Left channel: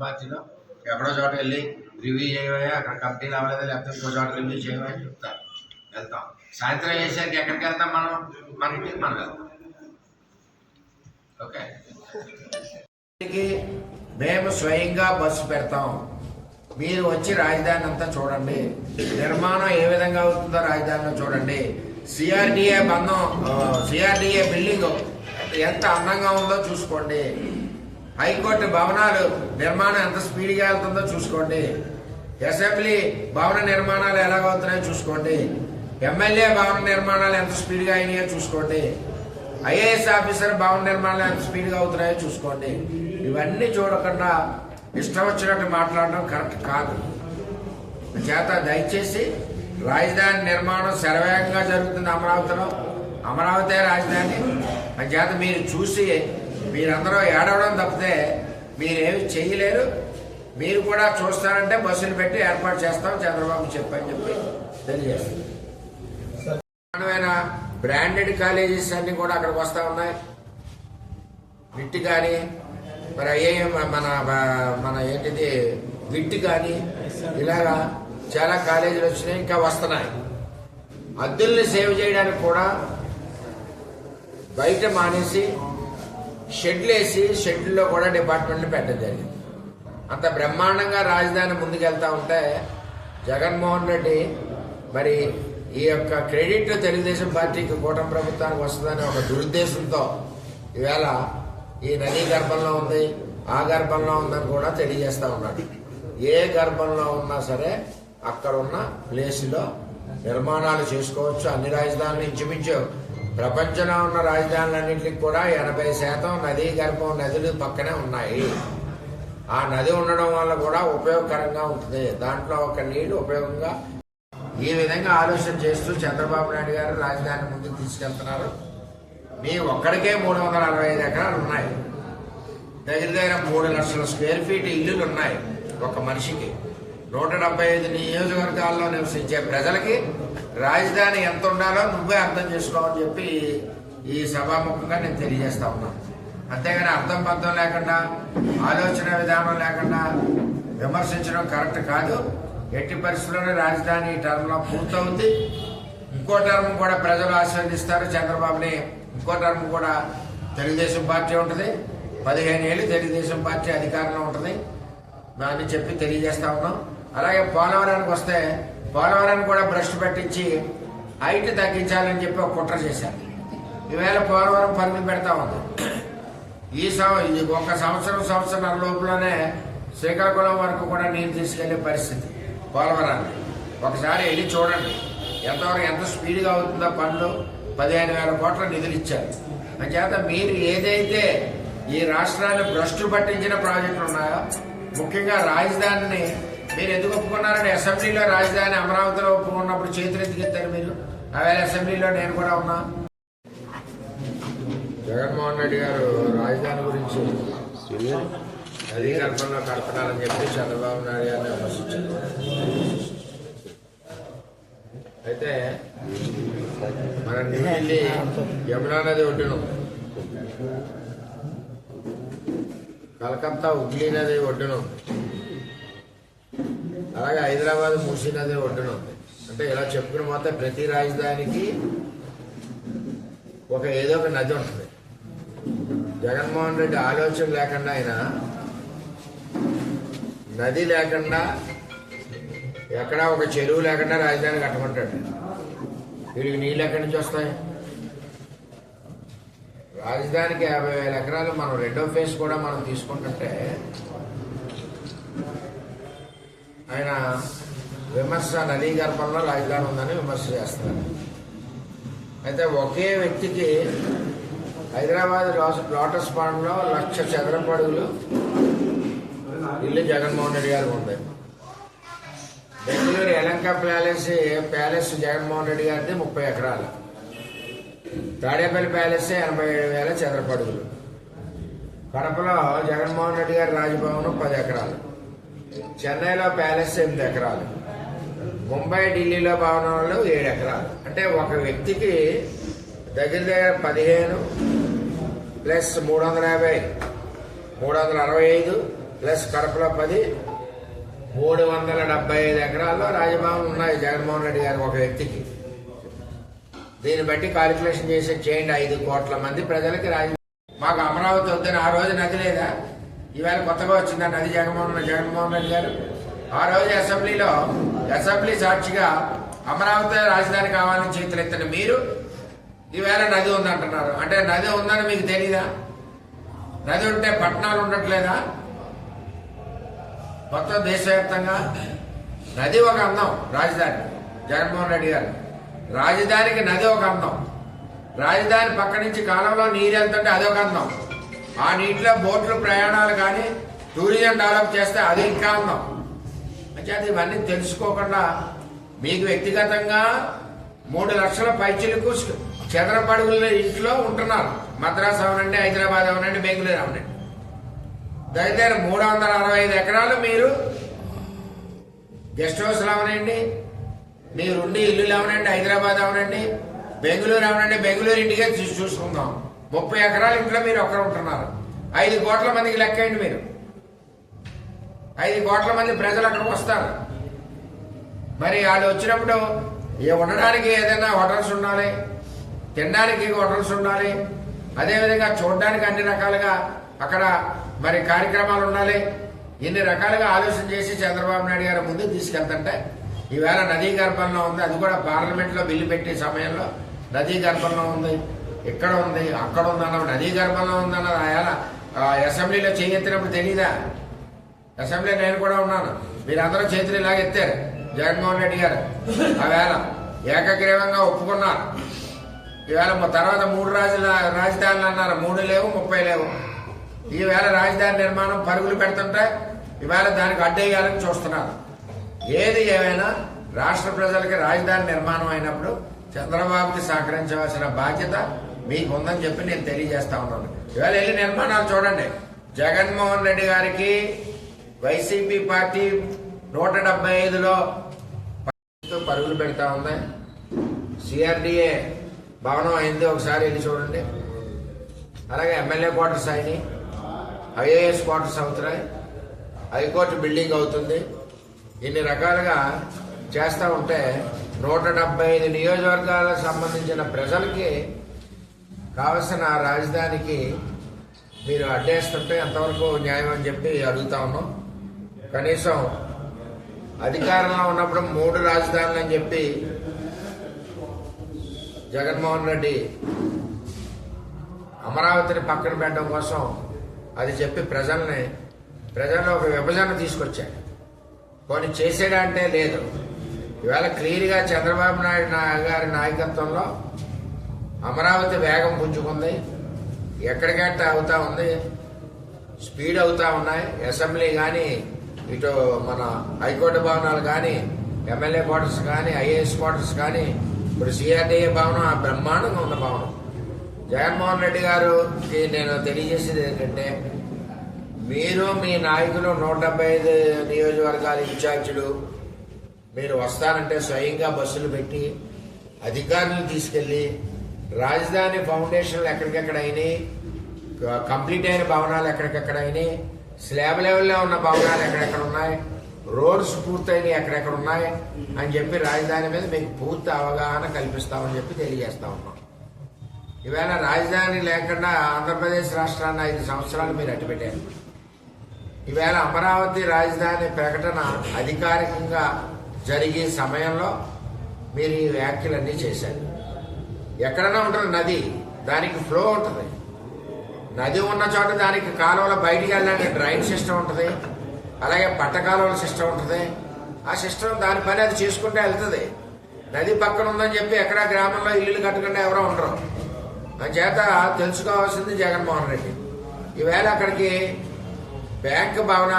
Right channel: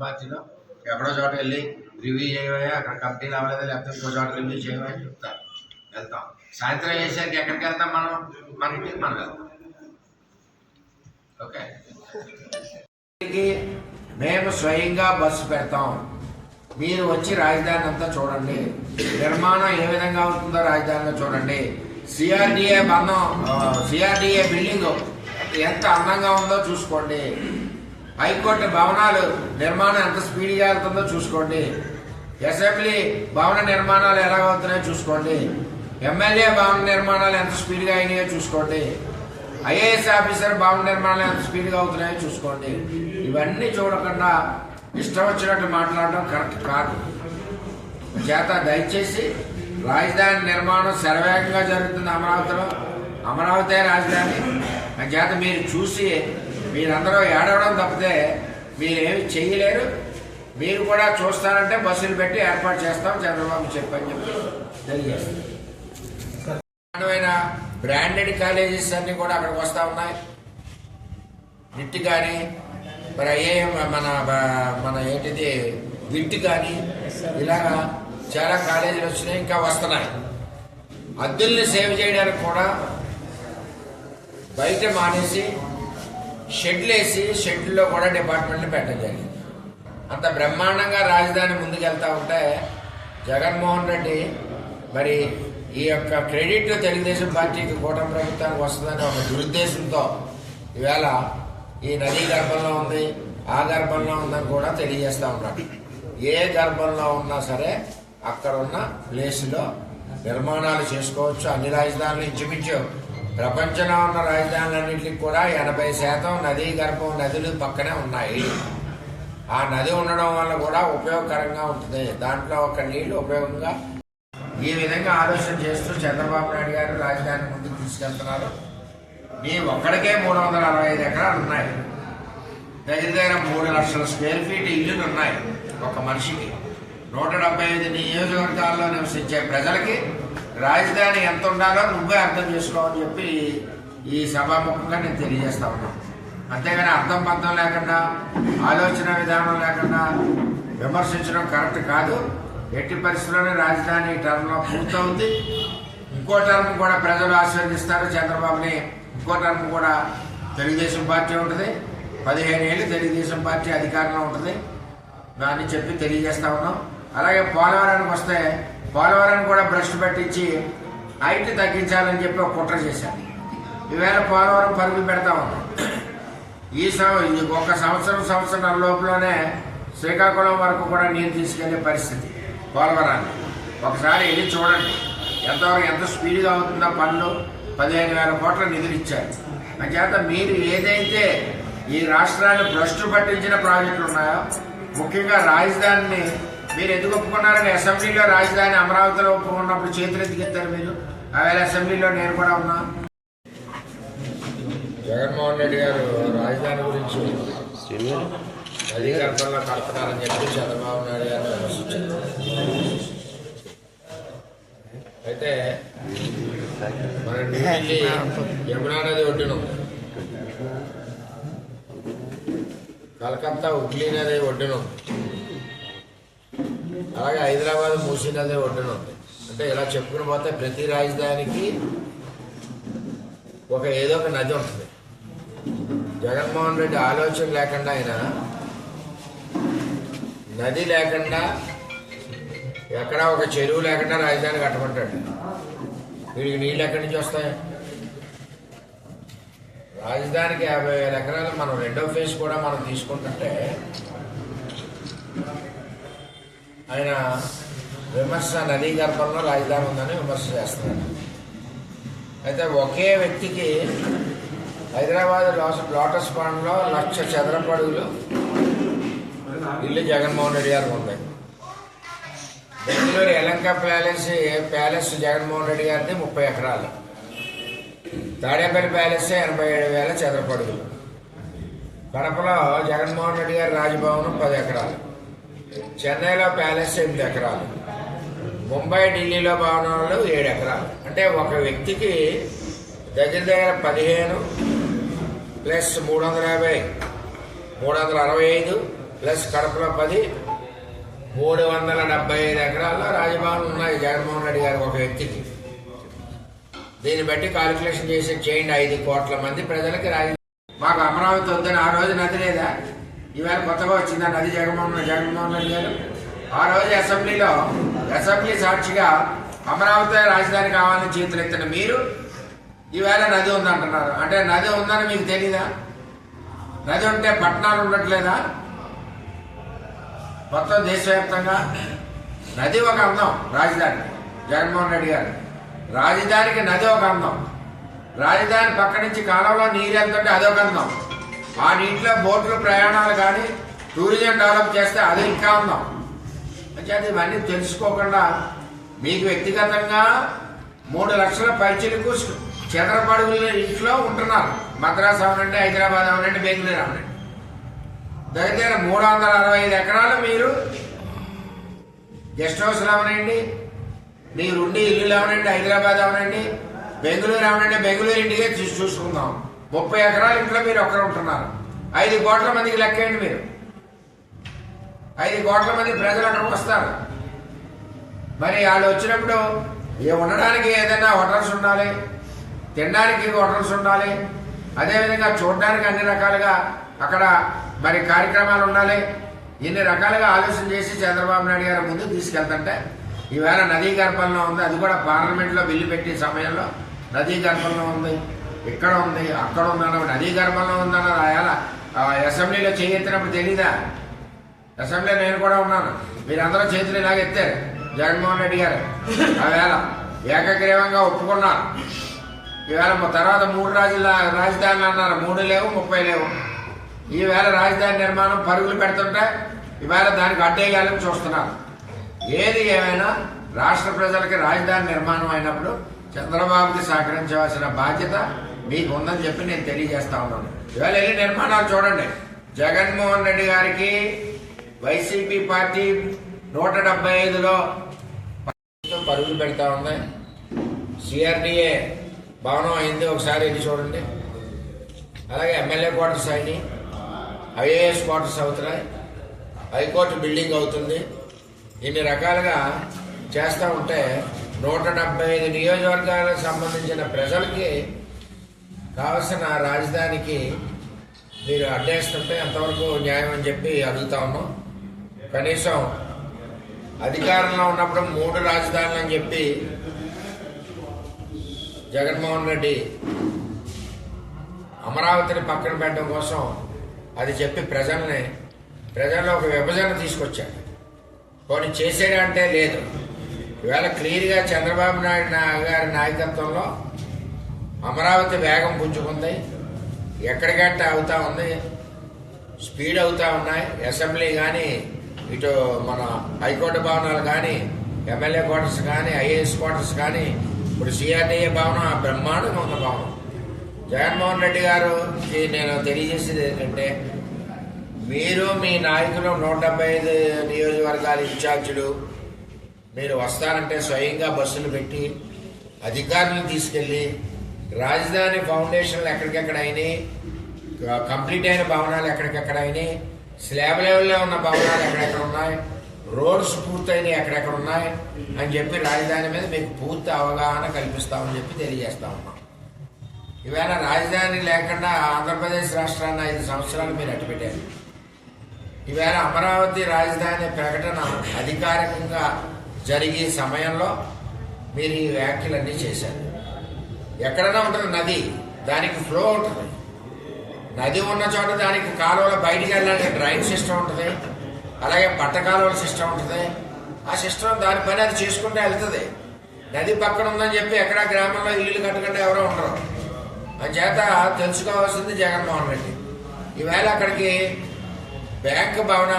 పార్టీలో ఎక్కడో చోట వెళ్ళి రివ్యూ చేయవయ్యా అక్కడ కంపెనీలు అవ్వలేదు లేకపోతే ఇంకో చోట రివ్యూ చేయవా అని చెప్తారు వెళ్తాం. సాయంత్రం చేసేసరికి ఎక్కడికి వెళ్తాం మనం? మన ఇంటికి మనం వెళ్తాం. ఓకే? మేము స్వయంగా బస్సు పెడతాం. మీరు వచ్చి రాజధాని అంతా చూడండి. నిర్మాణం ఏ విధంగా అవుతుందో రాజధానిలో చూడండి. సిఆర్డిఏ బంధం సిఆర్డిఏ బిల్డింగ్ ఎంత అందంగా ఉందో చూసుకోండి. హైకోర్టు భవనాలు నిర్మాణం ఎంత స్పీడ్గా వెళ్తుందో చూసుకోండి. అసెంబ్లీ భవన నిర్మాణాలు ఎలా అవుతున్నాయో చూసుకోండి. ఎమ్మెల్యే భవన నిర్మాణాలు ఎంత స్పీడ్గా అయినాయో చూసుకోండి. ఐఏఎస్ ఆఫీసర్ భవన నిర్మాణాలు ఎంత స్పీడ్గా అవుతున్నాయో చూసుకోండి. ఇవన్నీ చూడకుండా ఇష్టం వచ్చినట్టు మాట్లాడడం కరెక్ట్ కాదు. చేత దయచేసి రాజధాని నిర్మాణం శరవేగంగా జరుగుతుంది అమరావతిలో అమరావతి రాజధాని మన చేత మీరు చూసి మీరందరూ ఏడవడం తప్పితే మీరేమి చేయలేరు మీరు కూడా చూస్తానంటే బస్సులు పెట్టి ఏర్పాటు చేస్తాం చంద్రబాబు చెప్పని చెప్పి తెలియజేస్తాం. బ్రాండెడ్ కాలేజెస్ అన్ని కూడా అక్కడికి వస్తూ ఉన్నాయి. నిట్ కానీ మరి అయ్యే మన మన ఏంటిది విట్ కానీ ఇలాగా చాలా కాలేజీలు వచ్చినాయి ఇంకా వస్తున్నాయి. అద్దెల్ని సేవ్ చేయడానికి కూడా బయట మానేసి షెడ్లు వేసి షెడ్లో కూడా డిపార్ట్మెంట్లు పెట్టడం జరిగింది. అంత బ్రహ్మాండంగా రాజధాని ముందుకెళ్తా ఉంటే జగన్మోహన్ రెడ్డి మరి ఈ యొక్క క్రెడిట్ తెలుగుదేశం పార్టీకి కూటమి ప్రభుత్వానికి వస్తుందని ఒక దురుద్దేశంతో ఈవేళ ఈ నదీ గర్భంలో ఉంది ఆ గర్భంలో ఉందని కూడా తెలియజేస్తా ఉన్నాడు. ఏ గర్భంలో ఉన్నా సరే అక్కడ ఉన్న ప్లేస్లో నిర్మాణాలు చేసుకోవచ్చు. అన్ని రాజధానులు ఇంచుమించు ప్రపంచంలో ఉన్న రాజధానులన్నింటికి కూడా ఎనభై శాతం నదీ గర్భం నదులు పక్కనే ఉన్నాయి. ఆ నది ఉండడం వల్ల కూడా ఉపయోగకరంగా ఉంటుంది. దాంట్లో ఒక నీళ్ళు ఉపయోగంగా ఈ విధంగా ఆలోచన చేస్తూ చంద్రబాబు నాయుడు గారు రాజధాని ముందుకు తీసుకెళ్తున్నారు. మీ ఒక్కడికే మూడు వందల అరవై ఐదు ఎకరాలు ఉన్నాయి. దగ్గర దగ్గర మూడు లక్షల స్క్వేర్ ఫీట్ ఇల్లులు ఉన్నాయి ఒక మనిషికి. నూట డెబ్బై ఐదు నియోజకవర్గాల్లో నివసించే ప్రజలకి రాజధాని ఎంత ఉండాలో నువ్వే అర్థం చేసుకోమని చెప్పి ఈ సభాముఖంగా నేను తెలియజేస్తా ఉన్నాను. అంతేగాని అర్థం పంతం లేకుండా ఆలోచన విధానం లేకుండా విమర్శించడం కరెక్ట్ కాదు. ఎట్టి పరిస్థితుల్లోనే రాజధాని టర్మ్ టర్మ్లో పూర్తవుతుంది ఇంకో టర్మ్ కూడా ప్రజలు ఆశీర్వదిస్తారు. చంద్రబాబుని ఇంకో టర్మ్ కూడా తెలుగుదేశం పార్టీ ఉంటుంది. పదిహేను ఏళ్ళు తెలుగుదేశం పార్టీ అధికారంలో ఉంటుంది. దాన్ని చెప్పి తెలియజేస్తా ఉన్నాం. అలాగే పోలవరానికి వస్తే పోలవరాన్ని కూడా బ్రష్ పట్టించి హైట్ తగ్గించాలని చెప్పి ఒక కుట్ర చేశారు. ఈవేళ పోలవరం పరుగులు పెడతా ఉన్నాం ఈ సం- ఒక సంవత్సరం సంవత్సరం లోపలనే శ్రీకాకుళం వరకు కూడా నీరు తీసుకెళ్ళే పరిస్థితి పోలవరాన్ని. ఒకసారి వెళ్ళి చూడండి. ఎంతవరకు ఎంత స్పీడ్గా అవుతుందో పనులు పదిహేను వేల కోట్ల నిధులు ఇచ్చారు. చేత మీరు ఏదైతే ఈ రాష్ట్రాన్ని భ్రష్టు పట్టించిన ప్రాజెక్టులు ఉన్నాయో ముఖ్యంగా రాజధానిని మీరు ఎందుకు ఒప్పుకున్నారని అసెంబ్లీలో రాజధాని అమరావతిలో ఒప్పుకున్నప్పుడు చేతులు ఎందుకు ఎత్తారు మీరు? ఆవేళ అసెంబ్లీలో నేను కూడా ఉన్నా. జగన్మోహన్ రెడ్డి గారు రాజధాని గురించి గర్భంలో కడుతున్నారని చెప్పి చంద్రబాబు నాయుడు గారిని విమర్శించారు. అయితే మన న్యూఢిల్లీ యమునా నది ఒడ్డున కలకత్తా హుగ్లీ నది ఒడ్డున ఉంది అలాగే హైదరాబాద్ మూసీ నది ఒడ్డున ఉంది. అంటే ఇలా చెప్పుకుని పోతే ప్రతి రాజధానికి ఒక ఏదో ఒక నది ఉంటుంది. జగన్మోహన్ రెడ్డి ఆలోచన లేకుండా ఆయన నది లేకుండా ఎక్కడా ఒక చెరువు లేకుండా రాజధాని కట్టమంటాడు. వీడికి నీళ్ళు ఎక్కడి నుంచి వస్తాయి? రాజధానికి యాభై వేల ఎకరాలు మనం రెండో ఫేజ్ కూడా మనం తీసుకుంటుంటే ఆయన విమర్శ నదీ గర్భంలో రాజధాని ఉందని విమర్శ చేస్తున్నారు అయితే ఒకే వ్యక్తికి హైదరాబాద్ లోటస్ పాండ్లో లక్ష చదరపడుగులు ఇల్లు జగన్మోహన్ రెడ్డి గారికి ఉంది బెంగళూరు ఎలంక ప్యాలెస్ ప్యాలెస్ జగన్మోహన్ రెడ్డి గారిది ముప్పై ఎకరాలు. తాడేపల్లి ప్యాలెస్ ఎనభై ఏడు వేల చదరపడుగులు. కడపలో జగన్మోహన్ రెడ్డి గారి రాజభవనం పది ఎకరాలు. చెన్నైలో ప్యాలెస్ ఎనిమిది ఎకరాలు. ముంబై ఢిల్లీలో భవనాలు ఏడు ఎకరాలు. అంటే ఒక వ్యక్తికి దగ్గర దగ్గర పదిహేను ప్లస్ మూడు వందల యాభై మూడు వందల అరవై ఐదు ప్లస్ కడపలో పది మూడు వందల డెబ్బై ఐదు ఎకరాల్లో రాజభవన్ ఉన్నాయి జగన్మోహన్ రెడ్డి గారు ఒక వ్యక్తికి. దీన్ని బట్టి కాలిక్యులేషన్ చేసి చేయండి ఐదు కోట్ల మంది ప్రజలకి రాజ మాకు అమరావతి వద్దని ఆ రోజు నది లేదా? ఈవేళ కొత్తగా వచ్చిందా నది జగన్మోహన్ జగన్మోహన్ రెడ్డి గారు. ఆ రోజు అసెంబ్లీలో అసెంబ్లీ సాక్షిగా అమరావతి రాజధాని కావాలని చేతులు ఎత్తిన మీరు ఈవేళ నది ఉందంటున్నారు. అంటే నది ఉందని మీకు తెలీదా? నది ఉంటే పట్టణాలు ఉండట్లేదా? మొత్తం దేశవ్యాప్తంగా నది ఒక అందం రాజధాని. జగన్మోహన్ రెడ్డి గారు. రాజధానికి నది ఒక అందం. రాజధాని పక్క నుంచి కాలంలో నీరు వెళ్తుంటే అదొక అందం. ఆ నీటిలో బోట్లు ప్రయాణాలు కానీ టూరిజం డెవలప్ చేస్తే అది ఇంకా అందాం అంటే ఇవన్నీ తెలుసుకోకుండా మీకు వ్యక్తిగతంగా మూడు లక్షల పైచిలకు చదరపడుగుల ఇంట్లో ఉంటున్నారు. మద్రాసు అవనండి హైదరాబాద్ అవనండి బెంగళూరు అవనండి. దగ్గర మూడు వందల అరవై ఐదు ఎకరాలు మీరు గెస్ట్ హౌస్ అవనండి మీరు ఉండి ఇల్లు అవనండి హైదరాబాద్ అవనండి బెంగళూరు అవనండి బెంగళూరు ఇంటికే చూసి చూసుకుందాం. ముప్పై ఎకరాల ఇంట్లో మీరు ఒక్కరు ఉంటున్నారు. ఐదు కోట్ల మందికి లెక్కేయండి మీరు. ఐదు కోట్ల మంది ప్రజలు అక్కడికి వస్తారు. మరి వాళ్ళు వచ్చినప్పుడు ఉండడానికి ఏదైనా హోటల్స్ ఉండాలి తినడానికి హోటల్స్ ఉండాలి అదేవిధంగా చూడడానికి అన్ని రకాలుగా అక్కడ మరి కార్యక్రమాలు ఉండాలి. ఇన్ని రకాలుగా ఆలోచన చేసి చంద్రబాబు నాయుడు గారు ముందుకు తీసుకెళ్తుంటే ఈవేళ నదీ గర్భంలో ఉంది అది కూడా పార్లమెంట్లో బిల్లు పెట్టే సమయంలో నదీ గర్భంలో ఉంది. ఇక్కడ ఉంది? అక్కడ ఉందన్న నదీ గర్భంలో ఉందన్న ఆయన ఆ, అసెంబ్లీలో చేయెత్తినప్పుడు తెలీదా? అసెంబ్లీలో నేను కూడా ఉన్నాను. మీరందరూ చేతులు ఇలాగ ఎత్తారు. జగన్మోహన్ రెడ్డి గారు. ఆవేళ ఏకగ్రీవంగా ఒప్పుకున్నారు. ఈవేళ తర్వాత మూడు రాజుల రాజధానులు అన్నారు. మూడు లేవు ముప్పై లేవు. ఈవేళ రాజధాని నిర్మాణం పరుగులు పెడుతుంటే ఈవేళ దానికి అడ్డేయాలని చూస్తున్నారు. ఏది ఏమైనా రాష్ట్ర ప్రజలకి రాజధాని నిర్మాణం అయినప్పుడు చంద్రబాబుకి సహకరించవలసిన బాధ్యత మీకు ఉందని చెప్పి నేను తెలియజేస్తా ఉన్నాను. ఇవాళ వెళ్ళి నిర్మాణాలు చూడండి. జగన్మోహన్ రెడ్డి గారికి వైసీపీ పార్టీ నూట డెబ్బై ఐదులో పరుగులు పెడతా ఉంది. సిఆర్డిఏ భవనం అయింది. ఒకసారి వెళ్ళి చూడండి. అలాగే ఎమ్మెల్యే క్వార్టర్స్ అయినాయి. ఐఏఎస్ క్వార్టర్స్ అవుతున్నాయి. హైకోర్టు బిల్డింగ్ అవుతుంది. ఇన్ని రకాలుగా చేస్తూ ఉంటే నూట డెబ్బై ఐదు నియోజకవర్గాలకు సంబంధించిన ప్రజలకి కావలసిన రాజధానికి మీరు అడ్డేస్తుంటే ఎంతవరకు న్యాయం అని చెప్పి అడుగుతా ఉన్నాం. కనీసం అధికారంలో ఉన్నప్పుడు మూడు రాజధానులు అని చెప్పి జగన్మోహన్ రెడ్డి అమరావతిని పక్కన పెట్టడం కోసం అది చెప్పి ప్రజల్ని ప్రజల్లో ఒక విభజన తీసుకొచ్చాడు. కొన్ని చేసేడంటే లేదు. ఇవాళ క్లియర్గా చంద్రబాబు నాయుడు నా- గారి నాయకత్వంలో అమరావతి వేగం పుంజుకుంది. ఎక్కడికట్ట అవుతా ఉంది? స్పీడ్ అవుతా ఉన్నాయి. అసెంబ్లీ కానీ ఇటు మన హైకోర్టు భవనాలు కానీ ఎమ్మెల్యే క్వార్టర్స్ కానీ ఐఏఎస్ క్వార్టర్స్ కానీ ఇప్పుడు సిఆర్డీఏ భవనం ఆ బ్రహ్మాండంగా ఉన్న భవనం. జగన్మోహన్ రెడ్డి గారుకి నేను తెలియజేసేది ఏంటంటే మీరు మీ నాయకులు నూట డెబ్బై ఐదు నియోజకవర్గాల ఇన్ఛార్జీలు మీరు వస్తానంటే స్వయంగా బస్సులు పెట్టి అధికారులు తీసుకెళ్ళి రాజధాని ఫౌండేషన్లు ఎక్కడికెక్కడ అయినాయి కంప్లీట్ అయిన భవనాలు ఎక్కడికెక్కడ అయినాయి స్లాబ్ లెవెల్లో ఉన్న భవనాలు ఎక్కడెక్కడ ఉన్నాయి రోడ్స్ పూర్తయినాయి ఎక్కడెక్కడ ఉన్నాయి అని చెప్పి రాజధాని మీద మీకు పూర్తి అవగాహన కల్పిస్తామని చెప్పి తెలియజేస్తా ఉన్నాం. ఈవేళ రాజధాని లేకుండా ఆంధ్రప్రదేశ్ రాష్ట్రాన్ని ఐదు సంవత్సరాలు మీరు అట్టుపెట్టారు ఈవేళ అమరావతి రాజధాని ప్రకటన అధికారికంగా జరిగే సమయంలో మీరు ఈ వ్యాఖ్యలన్నీ చేశారు. ఎక్కడైనా ఉంటుంది నది దానికి ఫ్లో ఉంటుంది. నది ఉన్న చోట దానికి కాలువల బయటికి వెళ్ళడానికి డ్రైన్ సిస్టమ్ ఉంటుంది అలాగే పట్ట కాలువల సిస్టమ్ ఉంటుంది. ఆ సిస్టమ్ దాని పని అది చేసుకుంటే వెళ్తుంది. నది పక్కన ఉందని చెప్పి ఎక్కడ గ్రామంలో ఇల్లు కట్టకుండా ఎవరో ఉండరు. చేత తెలుసుకోవాల్సింది జగన్మోహన్ రెడ్డి. ఈవేళ అక్కడికి బ్యాంక్ భవనాలు